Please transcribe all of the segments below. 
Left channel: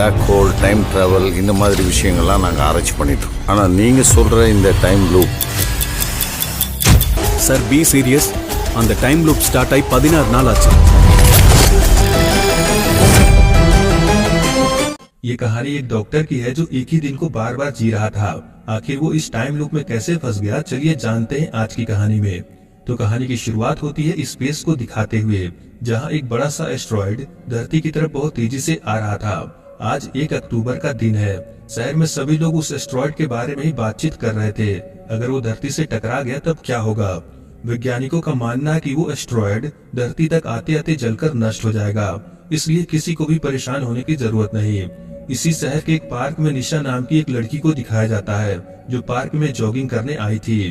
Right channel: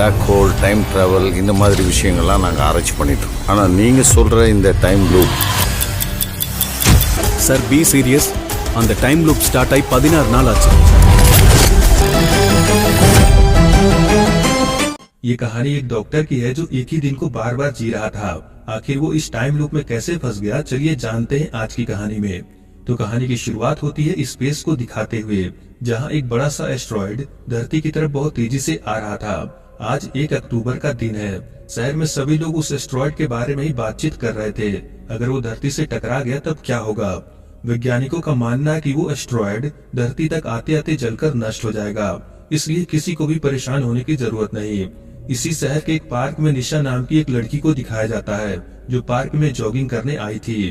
Black hole, time travel இந்த மாதிரி விஷயங்கள்லாம் நாங்கள் ஆராய்ச்சி பண்ணிட்டோம். ஆனால் நீங்கள் சொல்கிற இந்த time loop sir, be serious. அந்த டைம் லூப் ஸ்டார்ட் ஆகி 16 நாள் ஆச்சு. ये कहानी एक डॉक्टर की है जो एक ही दिन को बार बार जी रहा था। आखिर वो इस टाइम लूप में कैसे फंस गया, चलिए जानते हैं आज की कहानी में। तो कहानी की शुरुआत होती है स्पेस को दिखाते हुए, जहां एक बड़ा सा एस्ट्रॉयड धरती की तरफ बहुत तेजी से आ रहा था। आज 1 अक्टूबर का दिन है। शहर में सभी लोग उस एस्ट्रॉयड के बारे में ही बातचीत कर रहे थे। अगर वो धरती से टकरा गया तब क्या होगा। वैज्ञानिकों का मानना है कि वो एस्ट्रॉयड धरती तक आते आते जलकर नष्ट हो जाएगा, इसलिए किसी को भी परेशान होने की जरूरत नहीं। इसी शहर के एक पार्क में निशा नाम की एक लड़की को दिखाया जाता है, जो पार्क में जॉगिंग करने आई थी।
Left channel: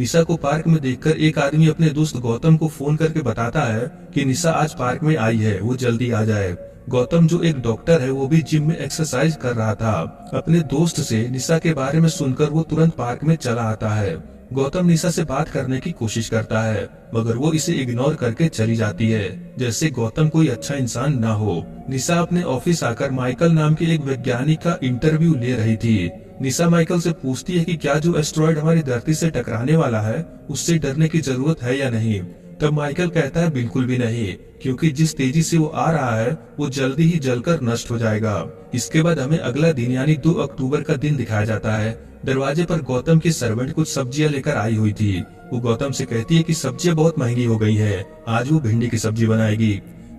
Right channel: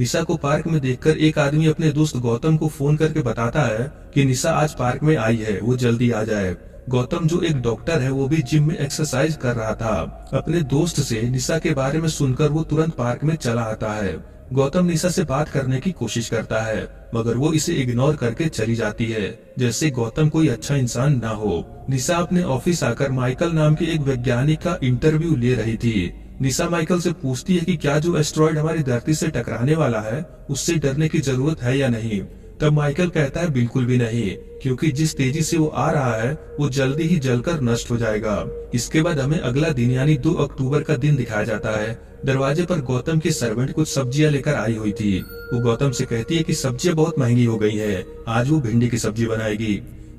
निशा को पार्क में देखकर एक आदमी अपने दोस्त गौतम को फोन करके बताता है कि निशा आज पार्क में आई है, वो जल्दी आ जाए। गौतम जो एक डॉक्टर है, वो भी जिम में एक्सरसाइज कर रहा था। अपने दोस्त से निशा के बारे में सुनकर वो तुरंत पार्क में चला आता है। गौतम निशा से बात करने की कोशिश करता है, मगर वो इसे इग्नोर करके चली जाती है, जैसे गौतम कोई अच्छा इंसान ना हो। निशा अपने ऑफिस आकर माइकल नाम के एक वैज्ञानिक का इंटरव्यू ले रही थी। निशा माइकल से पूछती है कि क्या जो एस्ट्रॉयड हमारी धरती से टकराने वाला है, उससे डरने की जरूरत है या नहीं। तब माइकल कहता है बिल्कुल भी नहीं, क्योंकि जिस तेजी से वो आ रहा है वो जल्दी ही जलकर नष्ट हो जाएगा। इसके बाद हमें अगला दिन यानी 2 अक्टूबर का दिन दिखाया जाता है। दरवाजे पर गौतम की सर्वेंट कुछ सब्जियां लेकर आई हुई थी। वो गौतम से कहती है कि सब्जियां बहुत महंगी हो गई हैं, आज वो भिंडी की सब्जी बनाएगी।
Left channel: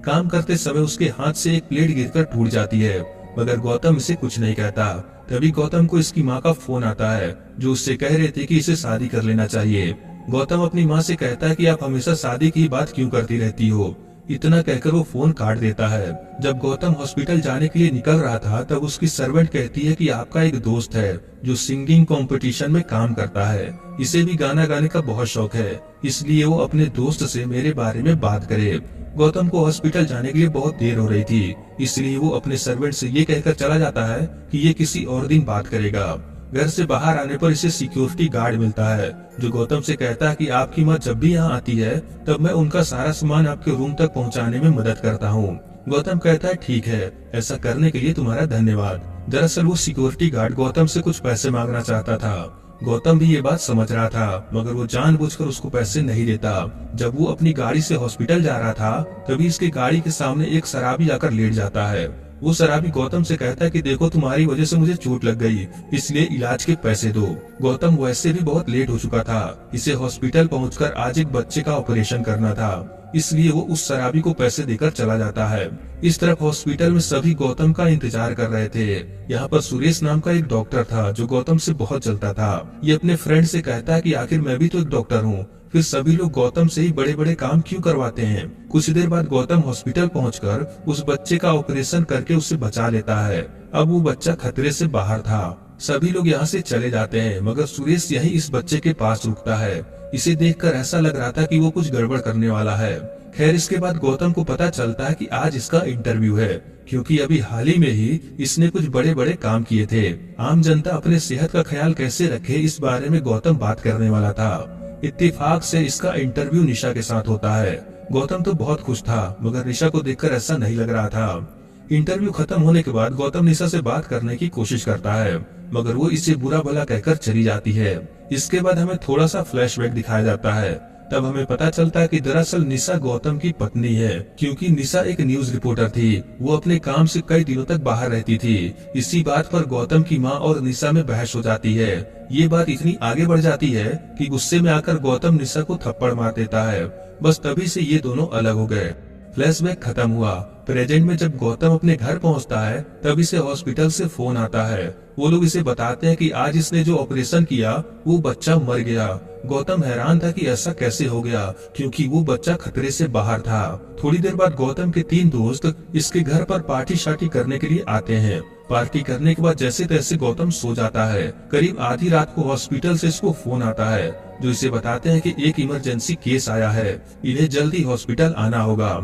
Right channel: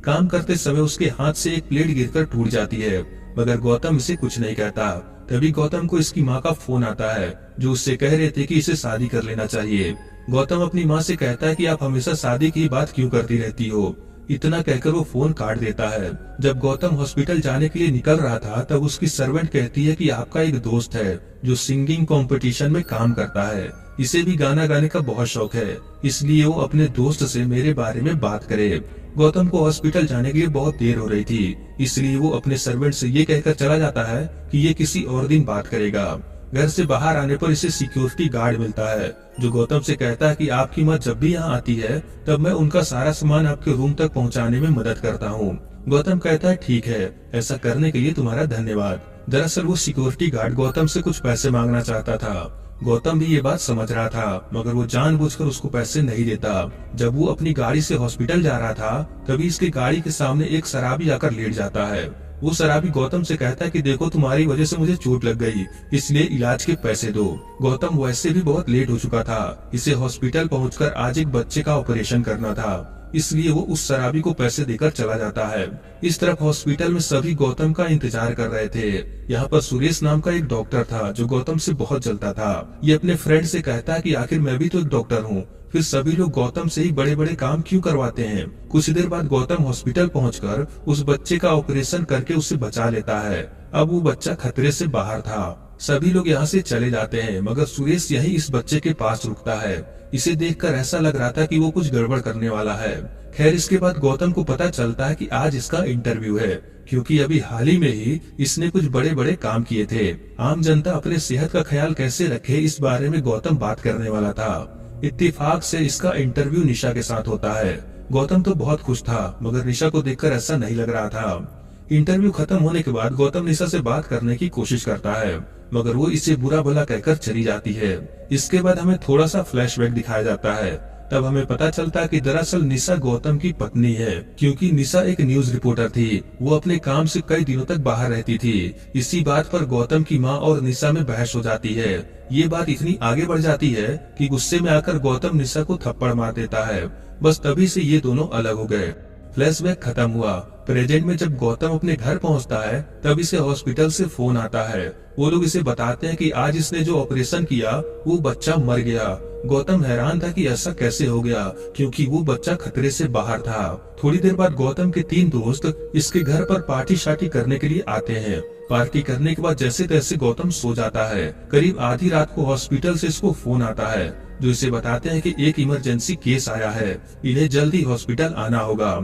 काम करते समय उसके हाथ से एक प्लेट गिरकर टूट जाती है, मगर गौतम इसे कुछ नहीं कहता। तभी गौतम को इसकी माँ का फोन आता है, जो उससे कह रहे थे कि इसे शादी कर लेना चाहिए। गौतम अपनी माँ से कहता है कि आप हमेशा शादी की बात क्यों करती रहती हो। इतना कहकर वो फोन काट देता है। जब गौतम हॉस्पिटल जाने के लिए निकल रहा था, तब उसकी सर्वेंट कहती है कि आपका एक दोस्त है जो सिंगिंग कंपटीशन में काम करता है, इसे भी गाना गाने का बहुत शौक है, इसलिए वो अपने दोस्त से मेरे बारे में बात करे। गौतम को हॉस्पिटल जाने के लिए बहुत देर हो रही थी, इसलिए वो अपने सर्वेंट से ये कहकर चला जाता है कि ये किसी और दिन बात करेगा। घर से बाहर आने पर इसे सिक्योरिटी गार्ड मिलता है, जो गौतम से कहता है कि आपकी माँ जब भी यहाँ आती है, तब मैं उनका सारा सामान आपके रूम तक पहुँचाने में मदद करता हूँ। गौतम कहता है ठीक है, ऐसा करने के लिए तुम्हारा धन्यवाद। दरअसल वो सिक्योरिटी गार्ड गौतम से कुछ पैसे मांगना चाहता था। गौतम भी ये बात समझ रहा था, मगर वो जानबूझकर उसको पैसे नहीं देता। जब वो अपनी गाड़ी से हॉस्पिटल जा रहा था, तभी इसके गाड़ी के सामने एक शराबी आकर लेट जाता है। वो शराबी गौतम से कहता है कि देखो तुम्हारी वजह से मुझे चोट लग गई, इसलिए इलाज के पैसे दो। गौतम वैसे भी बहुत लेट हो चुका था, इसे हॉस्पिटल पहुंचकर आज एक बच्चे का ऑपरेशन करना था, इसलिए वो उस शराबी को पैसे देकर चला जाता है। इस तरफ हॉस्पिटल में सभी गौतम का इंतजार कर रहे थे। यहाँ पर सुरेश नाम का एक डॉक्टर था, जो गौतम से बहुत जलता था। ये अपने फ्रेंड से कहता है कि आखिर मैं भी तो एक डॉक्टर हूँ, फिर सभी लोग गौतम से ही बड़े बड़े काम क्यों करवाते हैं। कुछ देर बाद गौतम हॉस्पिटल पहुंचकर उस बच्चे का ऑपरेशन करके उसे बचा लेता है। अब वो बच्चा खतरे से बाहर था। सभी लोग यहाँ से चले जाते हैं, मगर सुरेश यही इस बच्चे के पास रुकता है। इसे देखकर ऐसा लग रहा था कि वो कुछ गड़बड़ करने वाला है। खैर, इसके बाद गौतम को पता चलता है कि आज इसका इंटरव्यू है, क्योंकि अभी हाल ही में ही इसने कुछ बड़े बड़े काम किए थे। आम जनता अपने सेहत का ख्याल कैसे रखे, इस बारे में गौतम बात करने वाला था। इत्तेफाक से इसका इंटरव्यू निशा के साथ होता है। गौतम तो बहुत खुश था, मगर निशा को देखकर ऐसा नहीं लग रहा था। इंटरव्यू खत्म होने के बाद गौतम निशा से बात करने की कोशिश करता है, मगर वो इसे बुरा भला कहकर चली जाती है। इसके बाद हमें थोड़ा सा फ्लैशबैक दिखाया जाता है। तब हमें पता चलता है कि दरअसल निशा गौतम की पत्नी है, क्योंकि निशा एक न्यूज रिपोर्टर थी। वो अपने काम से कई दिनों तक बाहर रहती थी। इसी बात पर गौतम की माँ और निशा में बहस हो जाती है। ये बात इतनी आगे बढ़ जाती है कि गुस्से में आकर गौतम निशा को थप्पड़ मार देता है। बस तभी से ये दोनों अलग हो गए। फ्लैशबैक खत्म हुआ। प्रेजेंट में जब गौतम अपने घर पहुंचता है, तब इसे हॉस्पिटल से फोन आता है। वो लोग इसे बताते हैं कि आज इसने जो ऑपरेशन किया वो बच्चा मर गया। गौतम हैरान था कि ऐसा कैसे हो गया, क्योंकि वो बच्चा खतरे से बाहर था। थोड़ी देर बाद गौतम के 3 दोस्त इसके घर पर पार्टी शार्टी करने के लिए आते हैं। पार्टी करने के बाद जैसे तैसे गौतम सो जाता है। करीब आधी रात को हॉस्पिटल से इसको फोन आता है, जो इसे बताते हैं कि एक इमरजेंसी केस आया है, इन्हें जल्दी हॉस्पिटल आना होगा।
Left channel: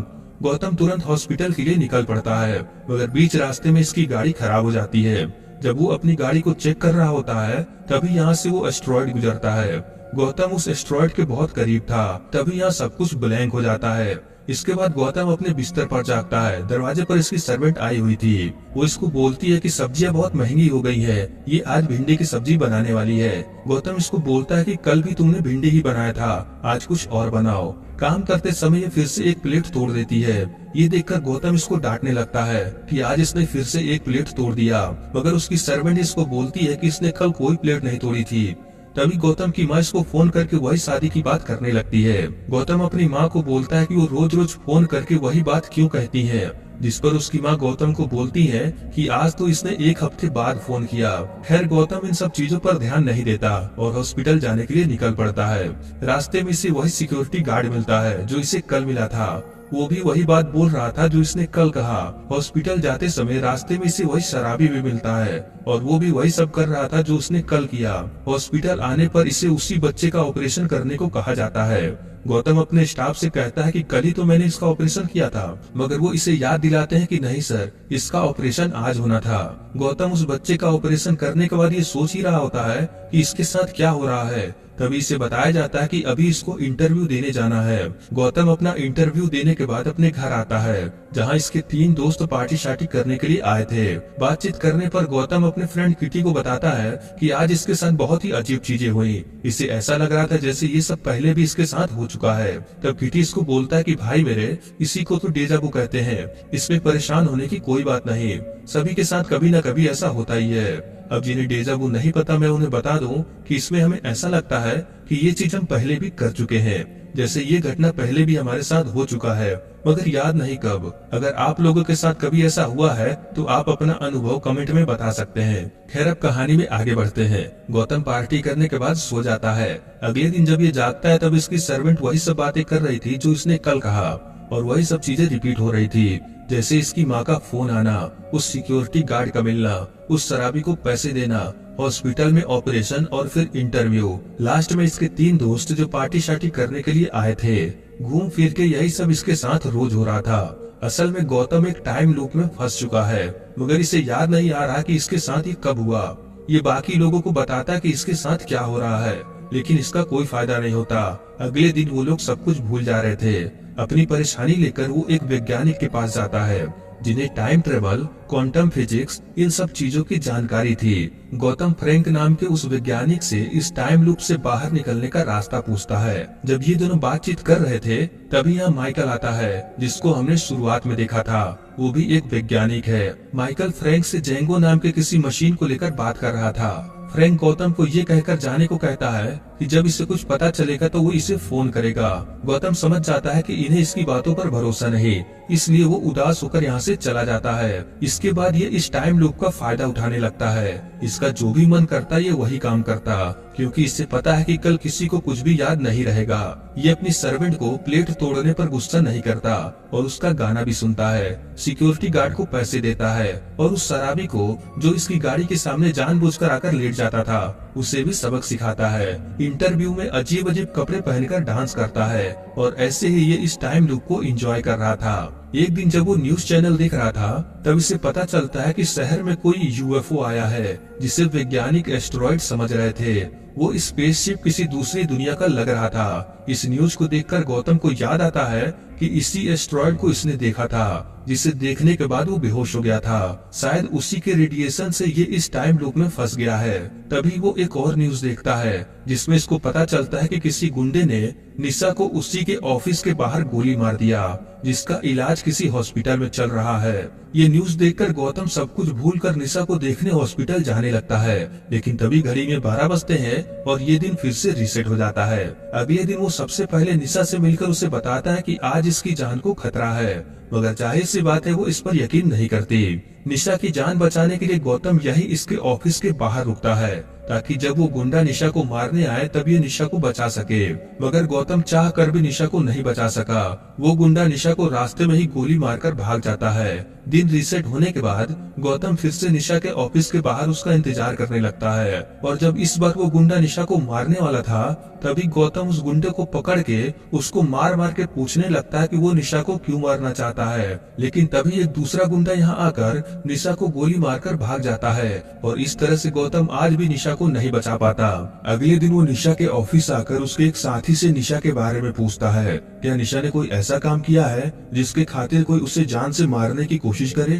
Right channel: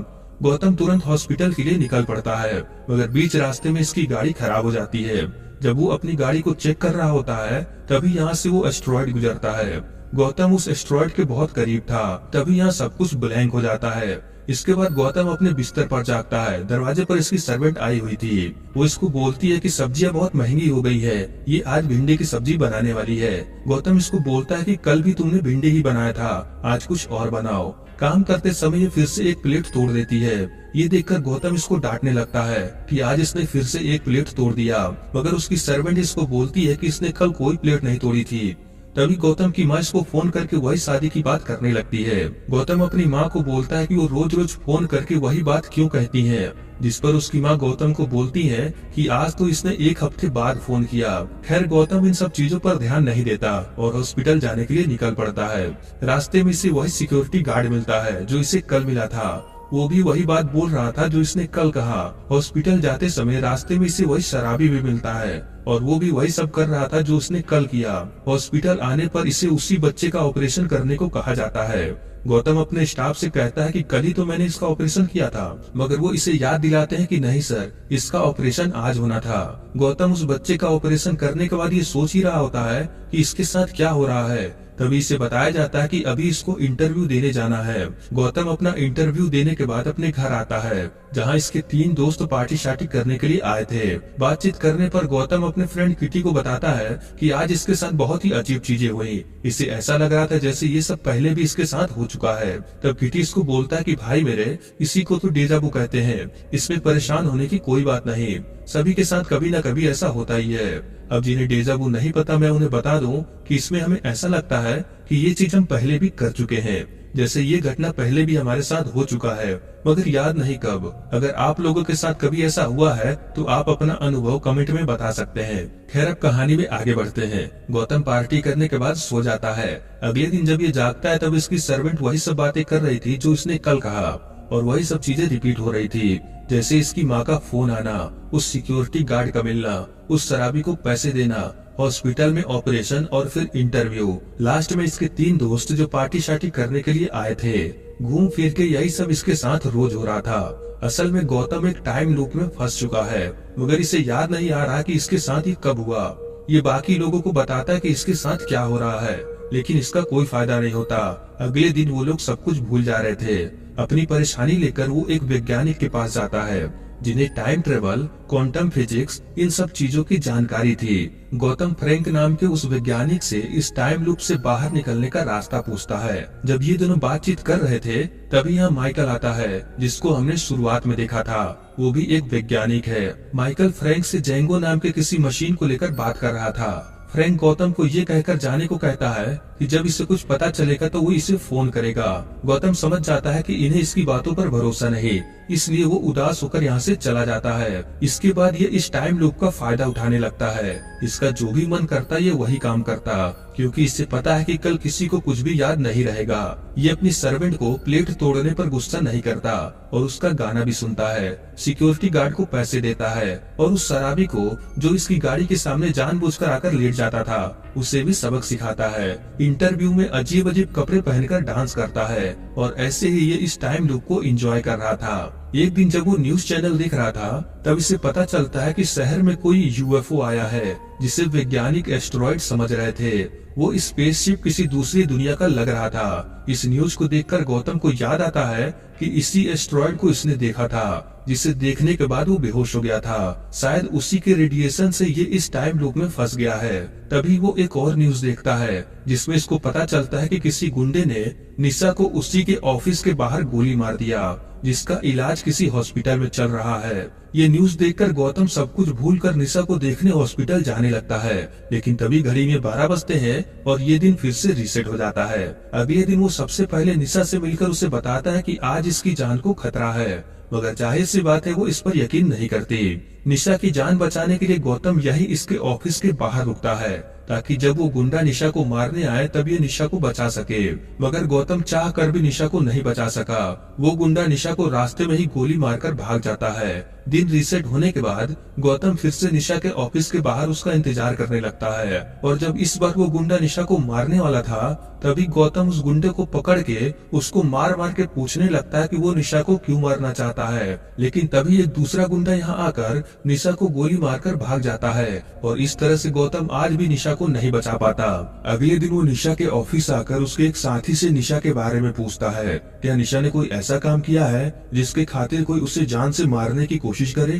गौतम तुरंत हॉस्पिटल के लिए निकल पड़ता है, मगर बीच रास्ते में इसकी गाड़ी खराब हो जाती है। जब वो अपनी गाड़ी को चेक कर रहा होता है, तभी यहाँ से वो एस्ट्रॉयड गुजरता है। गौतम उस एस्ट्रॉयड के बहुत करीब था, तभी यहाँ सब कुछ ब्लैंक हो जाता है। इसके बाद गौतम अपने बिस्तर पर जागता है। दरवाजे पर इसकी सर्वेंट आई हुई थी। वो इसको बोलती है कि सब्जियां बहुत महंगी हो गई है, ये आज भिंडी की सब्जी बनाने वाली है। गौतम इसको बोलता है कि कल भी तुमने भिंडी ही बनाया था, आज कुछ और बनाओ। काम करते समय ये फिर से एक प्लेट तोड़ देती है। ये देखकर गौतम इसको डांटने लगता है कि आज इसने फिर से एक प्लेट तोड़ दिया, मगर उसकी सर्वेंट इसको बोलती है कि इसने कल कोई प्लेट नहीं तोड़ी थी। तभी गौतम की माँ इसको फोन करके वही शादी की बात करने लगती है। गौतम अपनी माँ को बोलता है कि वो रोज रोज फोन करके वही बात क्यों कहती है, जिस पर उसकी माँ गौतम को बोलती है कि आज तो इसने एक हफ्ते बाद फोन किया। खैर गौतम इन सब चीजों पर ध्यान नहीं देता और हॉस्पिटल जाने के लिए निकल पड़ता है। रास्ते में इसे वही सिक्योरिटी गार्ड मिलता है जो इसे कल मिला था। वो भी वही बात बोल रहा था जो इसने कल कहा। हॉस्पिटल जाते समय रास्ते में इसे वही शराबी भी मिलता है और वो भी वही सब कर रहा था जो उसने कल किया। हॉस्पिटल आने पर इसे उसी बच्चे का ऑपरेशन करने को कहा जाता है। गौतम अपने स्टाफ से कहता है कि कल ही तो मैंने इसका ऑपरेशन किया था, मगर वो इसे याद दिलाते हैं कि नहीं सर, इसका ऑपरेशन आज होना था। गौतम उस बच्चे का ऑपरेशन करने के बाद ये सोच ही रहा होता है कि इसके साथ क्या हो रहा है। तभी इसे बताया जाता है कि अभी इसको इंटरव्यू देने जाना है। गौतम अपना इंटरव्यू देने के बाद अपने घर आता है, जहां इसके 3 दोस्त पार्टी शार्टी करने के लिए आए थे। बातचीत करने पर गौतम अपने फ्रेंड किटी को बताता है कि आज इसके साथ बहुत ही अजीब चीजें हुई। इसे ऐसा लग रहा था जैसे ये सब पहले भी इसके साथ हो चुका है। तब किटी इसको बोलता है कि भाई मेरे, इसी को तो डेजावू कहते हैं, इसमें परेशान होने की कोई बात नहीं, सभी के साथ कभी न कभी ऐसा होता ही है। अब जिन्हें डेजावू नहीं पता मैं उन्हें बता दूं कि इसमें हमें ऐसा लगता है कि ये चीज हम पहले भी कर चुके हैं, जैसे ये घटना पहले भी हमारे साथ हो चुका है, मगर याद नहीं कब। अगर आप लोगों के साथ कभी ऐसा हुआ है तो आप अपना अनुभव कमेंट में बता सकते हैं। खैर अब कहानी में आगे बढ़ते हैं। गौतम पार्टी करने के बाद सो जाता है। अगले दिन जब ये जागता है तब इसकी सर्वेंट वही सब बातें कर रही थी जो इसने कल कहा और वही सब चीजें रिपीट हो रही थी, जैसे इसकी माँ का फोन आना, उस सिक्योरिटी गार्ड का मिलना, उस शराबी को पैसे देना, हॉस्पिटल में ऑपरेशन और फिर इंटरव्यू। लास्ट में इसके 3 दोस्त जो पार्टी शार्टी करने के लिए आए थे। घूम फिर के यही सब इसके साथ रोज हो रहा था। असल में गौतम एक टाइम लूप में फंस चुका है, मगर इसे याद नहीं आ रहा कि इसके साथ ये कब हुआ। ये बाकी लोगों को बताता है कि इसके साथ क्या हो रहा है, लेकिन इसका कोई फायदा नहीं होता। अगले दिन वो लोग सब कुछ भूल जा रहे थे। अपनी परेशानी लेकर वो एक वैज्ञानिक के पास जाता है जिन्हें टाइम ट्रेवल, क्वांटम फिजिक्स, इन सब चीजों की जानकारी थी। गौतम फ्रैंक नाम के उस वैज्ञानिक से इस टाइम लूप से बाहर निकलने का रास्ता पूछता है। जब ये दोनों बातचीत कर रहे थे तभी यहाँ माइकल आता है, जिसको हमने शुरुआत में देखा था। वो भी एक वैज्ञानिक है। माइकल फ्रैंक से जेंगो नाम के किसी मशीन को लेकर बात कर रहा था। फ्रैंक गौतम को ये कहकर जाने को कहता है कि जब इसे कुछ पता चलेगा तो वो इसे फोन करेगा। गौतम समझ जाता है कि इन्हें इसकी बातों पर भरोसा नहीं, इसलिए वो उदास होकर यहाँ से चला जाता है। इसके बाद ये इस टाइम लूप का फायदा उठाने लगता है। इसका जो भी मन करता ये वही काम करता, क्योंकि इसे पता है कि कल किसी को कुछ भी याद नहीं रहेगा। ये अपनी सर्वेंट को प्लेट तोड़ने पर गुस्सा नहीं करता और उसका गाना भी सुनता है। सिक्योरिटी गार्ड को पैसे देता है और उस शराबी को जो इसकी गाड़ी के सामने जानबूझकर आकर लेट जाता था, उसे भी सबक सिखाता है। इंटरव्यू में अजीब अजीब कपड़े पहनकर डांस करता है और ऐसे ही ये इस टाइम लूप को एंजॉय कर रहा था। एक दिन जब वो न्यूज चैनल देख रहा था तब इसे पता चलता है कि शहर में कोई यूएफओ आया है, जिसे वैज्ञानिक एस्टेरॉइड समझ रहे थे। वो स्पेसशिप किसी दूसरी दुनिया का लग रहा था। इस न्यूज को देखकर गौतम को याद आता है कि इसी एस्टेरॉइड को इसने देखा था, जिसे देखने के बाद वो बेहोश हो गया था। शायद उसी के रेडिएशन से ये इस टाइम लूप में फंस गया है। तभी वो एक और न्यूज देखता है जिसमें इसको पता चलता है कि किसी गुंडे ने निशा को उसी के ऑफिस के बाहर गोली मार दिया, जिसका इलाज किसी हॉस्पिटल में चल रहा है। ये न्यूज देखकर गौतम सब कुछ भूलकर निशा को देखने हॉस्पिटल जाने लगता है, लेकिन तभी घड़ी में 12 बजते हैं और ये दिन फिर से रीसेट हो जाता है। अगले दिन वो सबसे पहले निशा से मिलकर उसे बताता है कि आज इसकी जान को खतरा है, मगर जाहिर सी बात है वो इस पर यकीन नहीं करती। निशा की जान बचाने के लिए गौतम यही इसके ऑफिस के बाहर रुकता है, ताकि जब वो गुंडा निशा को मारने आए तब ये निशा को बचा सके। मगर गौतम चाह कर भी निशा को नहीं बचा सका। वो गुंडा निशा को रास्ते में ही गोली मारकर भाग जाता है। दिन रीसेट होने के बाद गौतम फिर से निशा के ऑफिस के बाहर उसका इंतजार करने लगता है, और जब इस बार वो गुंडा निशा को मारने वाला था तभी गौतम उस गुंडे को पकड़ के उसको मार मार के पूछने लगता है कि वो निशा को क्यों मारना चाहता है। लेकिन तभी एक दूसरा गुंडा यहाँ आकर निशा को गोली मारकर भाग जाता है और इस तरह से गौतम आज भी निशा को नहीं बचा पाता। अगले दिन वो निशा के ऑफिस आकर उसके एक साथी से निशा के बारे में पूछता है, क्या निशा ने कोई ऐसा काम किया है जिसके खातिर कोई उसे जान से मारने की कोशिश करे।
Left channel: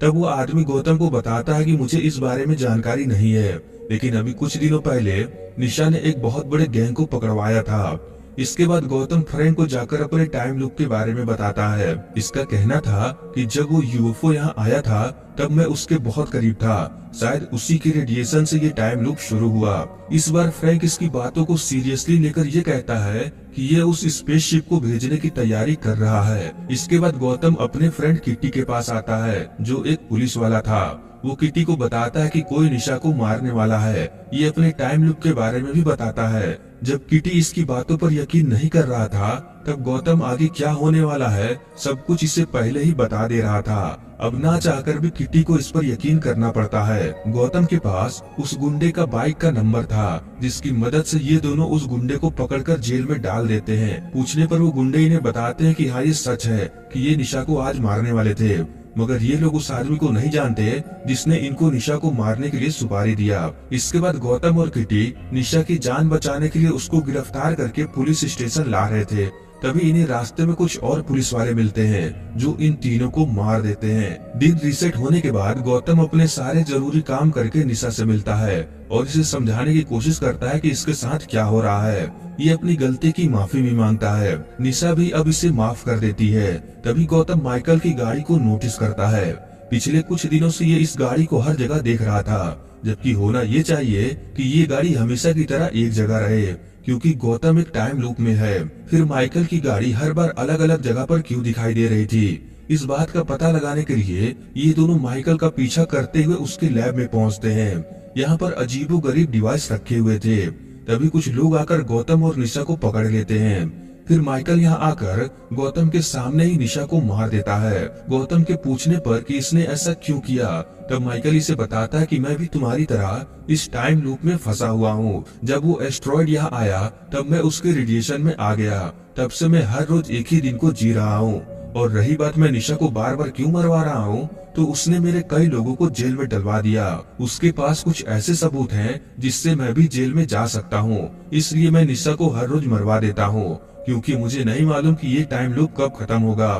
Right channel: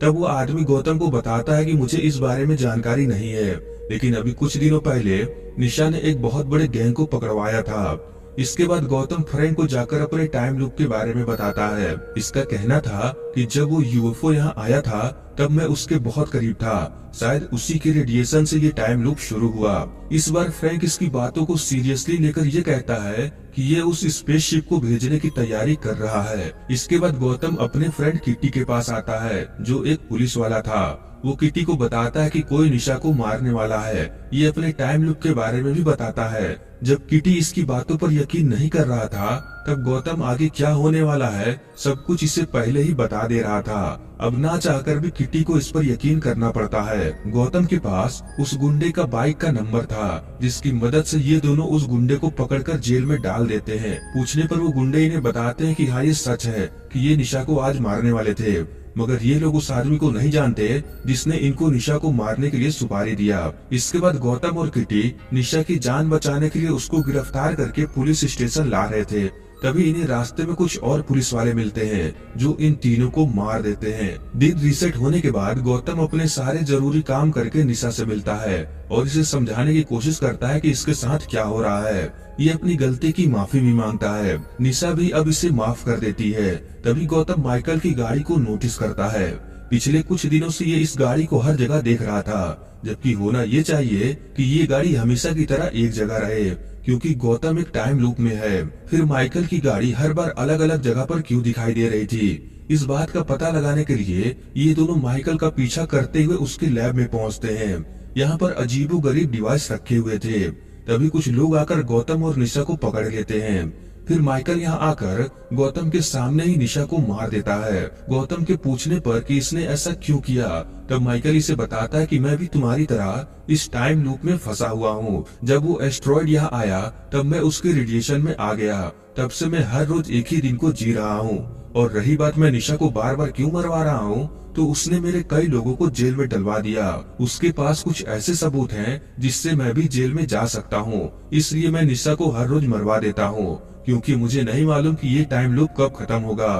तब वो आदमी गौतम को बताता है कि मुझे इस बारे में जानकारी नहीं है, लेकिन अभी कुछ दिनों पहले निशा ने एक बहुत बड़े गैंग को पकड़वाया था। इसके बाद गौतम फ्रैंक को जाकर अपने टाइम लूप के बारे में बताता है। इसका कहना था कि जब वो यूएफओ यहाँ आया था तब मैं उसके बहुत करीब था, शायद उसी के रेडिएशन से ये टाइम लूप शुरू हुआ। इस बार फ्रैंक इसकी बातों को सीरियसली लेकर ये कहता है कि ये उस स्पेसशिप को भेजने की तैयारी कर रहा है। इसके बाद गौतम अपने फ्रेंड किट्टी के पास आता है जो एक पुलिस वाला था। वो किट्टी को बताता है कि कोई निशा को मारने वाला है। ये अपने टाइम लूप के बारे में भी बताता है। जब किटी इसकी बातों पर यकीन नहीं कर रहा था तब गौतम आगे क्या होने वाला है सब कुछ इसे पहले ही बता दे रहा था। अब ना चाहकर भी किटी को इस पर यकीन करना पड़ता है। गौतम के पास उस गुंडे का बाइक का नंबर था जिसकी मदद से ये दोनों उस गुंडे को पकड़कर जेल में डाल देते हैं। पूछने पर वो गुंडे इन्हें बताते हैं कि हाँ ये सच है कि ये निशा को आज मारने वाले थे, मगर ये लोग उस आदमी को नहीं जानते जिसने इनको निशा को मारने के लिए सुपारी दिया। इसके बाद गौतम और किटी निशा की जान बचाने के लिए उसको गिरफ्तार करके पुलिस स्टेशन ला रहे थे। तभी इन्हें रास्ते में कुछ और पुलिस वाले मिलते हैं जो इन तीनों को मार देते हैं। दिन रीसेट होने के बाद गौतम अपने सारे जरूरी काम करके निशा से मिलता है और इसे समझाने की कोशिश करता है कि इसके साथ क्या हो रहा है। ये अपनी गलती की माफी भी मांगता है। निशा भी अब इसे माफ कर देती है। तभी गौतम माइकल की गाड़ी को नोटिस करता है। पिछले कुछ दिनों से ये इस गाड़ी को हर जगह देख रहा था, जबकि होना ये चाहिए कि ये गाड़ी हमेशा की तरह एक जगह रहे, क्योंकि गौतम एक टाइम लूप में है। फिर माइकल की गाड़ी हर बार अलग अलग जगह पर क्यों दिखाई दे रही थी। इस बात का पता लगाने के लिए ये दोनों माइकल का पीछा करते हुए उसके लैब में पहुंचते हैं। यहाँ पर अजीबोगरीब डिवाइस रखे हुए थे। तभी कुछ लोग आकर गौतम और निशा को पकड़ लेते हैं। फिर माइकल यहाँ आकर गौतम के सामने ही निशा को मार देता है। गौतम के पूछने पर कि इसने ऐसा क्यों किया, तब माइकल इसे बताता है कि मैं भी तुम्हारी तरह इस टाइम लूप में फंसा हुआ हूँ। जब वो एस्ट्रॉयड यहाँ आया तब मैं उसके रेडिएशन में आ गया। तब से मैं हर रोज एक ही दिन को जी रहा हूँ। और रही बात मैं निशा को बार बार क्यों मरवा रहा हूँ, तो उसने मेरे कई लोगों को जेल में डलवा दिया। उसके पास कुछ ऐसे सबूत हैं जिससे मैं भी जेल में जा सकता हूँ। इसलिए मैं निशा को हर रोज मरवा देता हूँ, क्योंकि मुझे नहीं मालूम कि ये टाइम लूप कब खत्म होगा।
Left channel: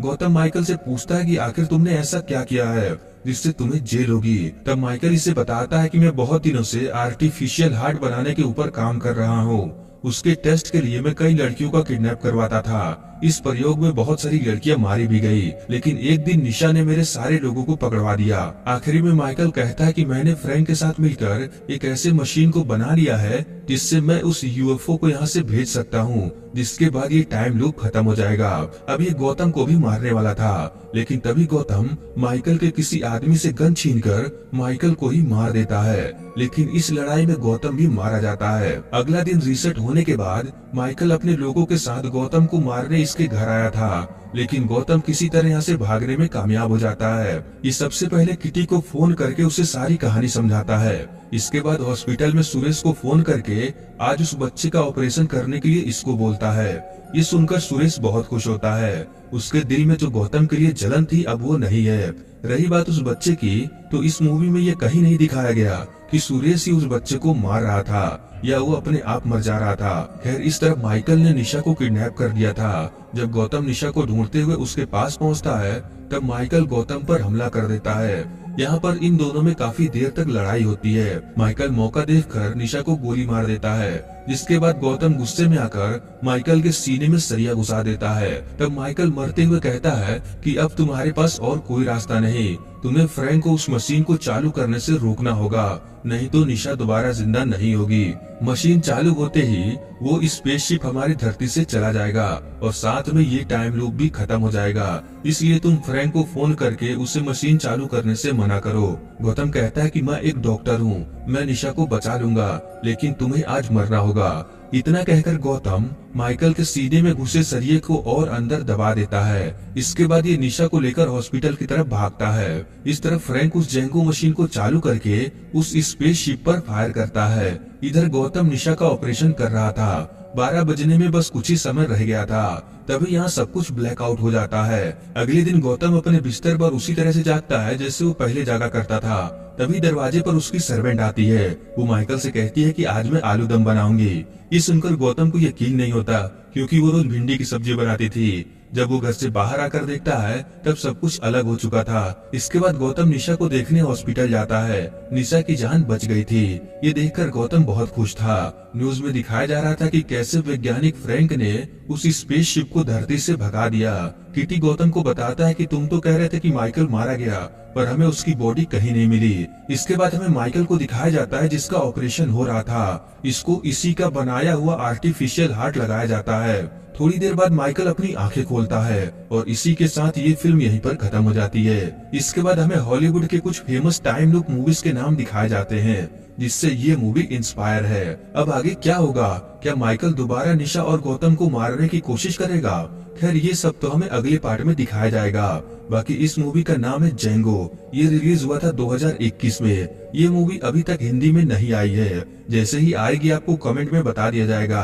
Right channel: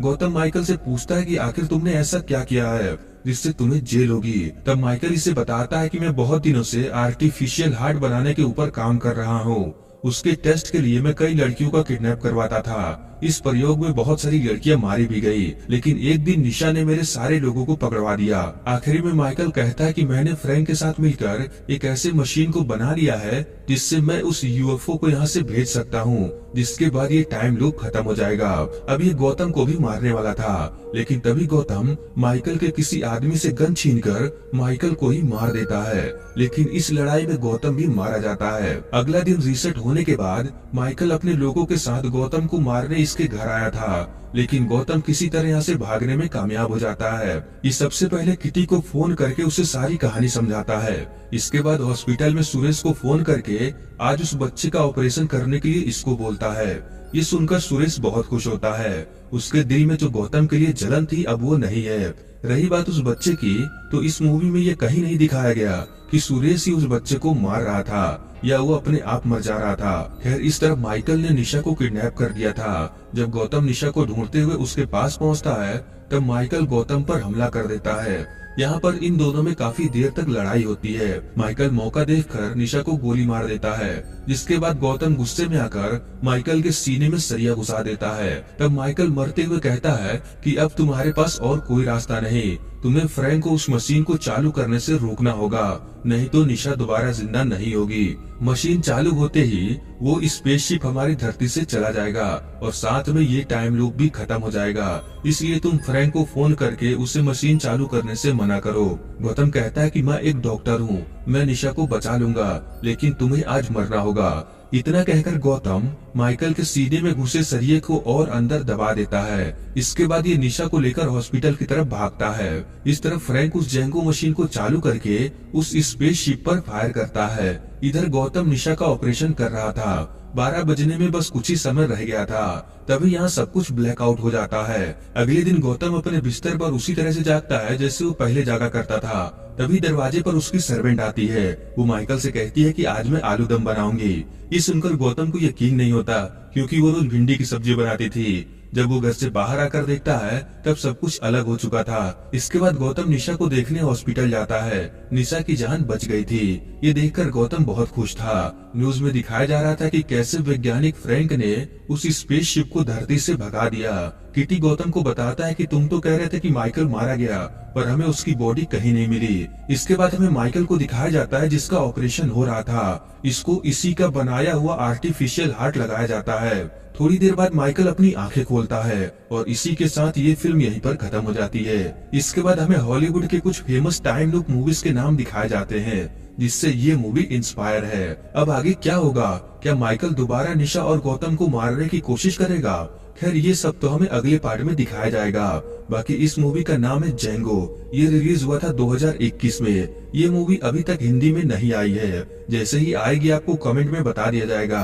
गौतम माइकल से पूछता है कि आखिर तुमने ऐसा क्या किया है जिससे तुम्हें जेल होगी। तब माइकल इसे बताता है कि मैं बहुत दिनों से आर्टिफिशियल हार्ट बनाने के ऊपर काम कर रहा हूँ। उसके टेस्ट के लिए मैं कई लड़कियों का किडनैप करवाता था। इस प्रयोग में बहुत सारी लड़कियां मारी भी गई, लेकिन एक दिन निशा ने मेरे सारे लोगों को पकड़वा दिया। आखिरी में माइकल कहता है कि मैंने फ्रैंक के साथ मिलकर एक ऐसे मशीन को बना लिया है जिससे मैं उस यूएफओ को यहाँ से भेज सकता हूँ, जिसके बाद ये टाइम लूप खत्म हो जाएगा। अब ये गौतम को भी मारने वाला था, लेकिन तभी गौतम माइकल के किसी आदमी से गन छीनकर माइकल को ही मार देता है। लेकिन इस लड़ाई में गौतम भी मारा जाता है। अगला दिन रीसेट होने के बाद माइकल अपने लोगों के साथ गौतम को मारने इसके घर आया था, लेकिन गौतम किसी तरह यहाँ से भागने में कामयाब हो जाता है। ये सबसे पहले किटी को फोन करके उसे सारी कहानी समझाता है। इसके बाद हॉस्पिटल में सुरेश को फोन करके आज उस बच्चे का ऑपरेशन करने के लिए इसको बोलता है। ये सुनकर सुरेश बहुत खुश होता है। उसके दिल में जो गौतम के लिए जलन थी अब वो नहीं है। रही बात उस बच्चे की, तो इस मूवी में ये कहीं नहीं दिखाया गया कि सुरेश ही उस बच्चे को मार रहा था या वो अपने आप मर जा रहा था। खैर, इस तरफ माइकल ने निशा को किडनैप कर दिया था। जब गौतम निशा को ढूंढते हुए उसके पास पहुंचता है तब माइकल गौतम पर हमला कर देता है। यहाँ पर इन दोनों में काफी देर तक लड़ाई होती है। माइकल मौका देखकर निशा को गोली मार देता है, जिसके बाद गौतम गुस्से में आकर माइकल के सीने में सरिया घुसा देता है। तब माइकल मरते हुए कहता है कि अब तुम्हारे पास और कोई रास्ता नहीं, तुम्हें फ्रैंक को उस मशीन को चालू करने से रोकना होगा, नहीं तो निशा दोबारा जिंदा नहीं होगी। मशीन चालू होते ही वो स्पेसशिप हमारी धरती से चला जाएगा और साथ में ये टाइम लूप भी खत्म हो जाएगा। इसलिए तुम फ्रैंक को फोन करके उसे मशीन चालू करने से मना करो। गौतम कहता है कि मैं एक डॉक्टर हूँ, मैं निशा को बचा लूंगा, लेकिन तुम्हें आज मरना होगा। इतना कहकर गौतम माइकल के सीने में घुसे सरिये को और अंदर दबा देता है। इसके बाद ये निशा को लेकर हॉस्पिटल की तरफ भागता है। इस तरफ फ्रैंक उस जेंगो मशीन को चालू करके उस स्पेसशिप पर फायर करता है। इधर गौतम निशा का ऑपरेशन कर रहा था। 12 बजने में बस कुछ ही समय रह गया था। तभी यहाँ सब कुछ ब्लैकआउट हो जाता है। अगले दिन गौतम अपने बिस्तर पर उसी तरह से जागता है जैसे वो पहले जागा करता था। तभी दरवाजे पर उसकी सर्वेंट आती है। वो माइकल से कहती है कि आज मैं आलू दम बनाऊंगी। ये सुनकर गौतम को यकीन नहीं होता, क्योंकि वो रोज भिंडी की सब्जी बनाती थी। जब वो घर से बाहर आकर देखता है तब सब कुछ अलग हो चुका था। इसके बाद गौतम निशा को देखने हॉस्पिटल जाता है। निशा की जान बच गई थी। ये देखकर गौतम बहुत खुश था। न्यूज में दिखाया जा रहा था कि कैसे वैज्ञानिक फ्रैंक ने उस स्पेसशिप को धरती से भगा दिया। किटी गौतम को बताता है कि तुम तो कह रहे थे कि माइकल मारा गया, पर हमें उसकी बॉडी कहीं नहीं मिली। इसके बाद हमें माइकल को दिखाया जाता है जिसका ऑपरेशन हो रहा था। इसको इसी का बनाया हुआ आर्टिफिशियल हार्ट लगाया जाता है। थोड़ी देर बाद माइकल अपनी आंखें खोलता है और इसी के साथ ये फिल्म यहीं पर खत्म हो जाती है। इसके बाद हमें हॉलीवुड के कुछ फेमस टाइम लूप मूवीज के नाम दिखाए जाते हैं, जिससे ये मूवी इंस्पायर है। अब आगे क्या होगा? क्या माइकल दोबारा निशा और गौतम को मारने की कोशिश करेगा? खैर ये सब तो हमें अगले पार्ट में दिखाया जाएगा। बाकी इस मूवी का नाम है जेंगो। ये रिलीज हुआ था 2021 में। ये मूवी अभी तक हिंदी में नहीं आई है। जैसे ही आएगी आपको कमेंट में बता दिया जाएगा।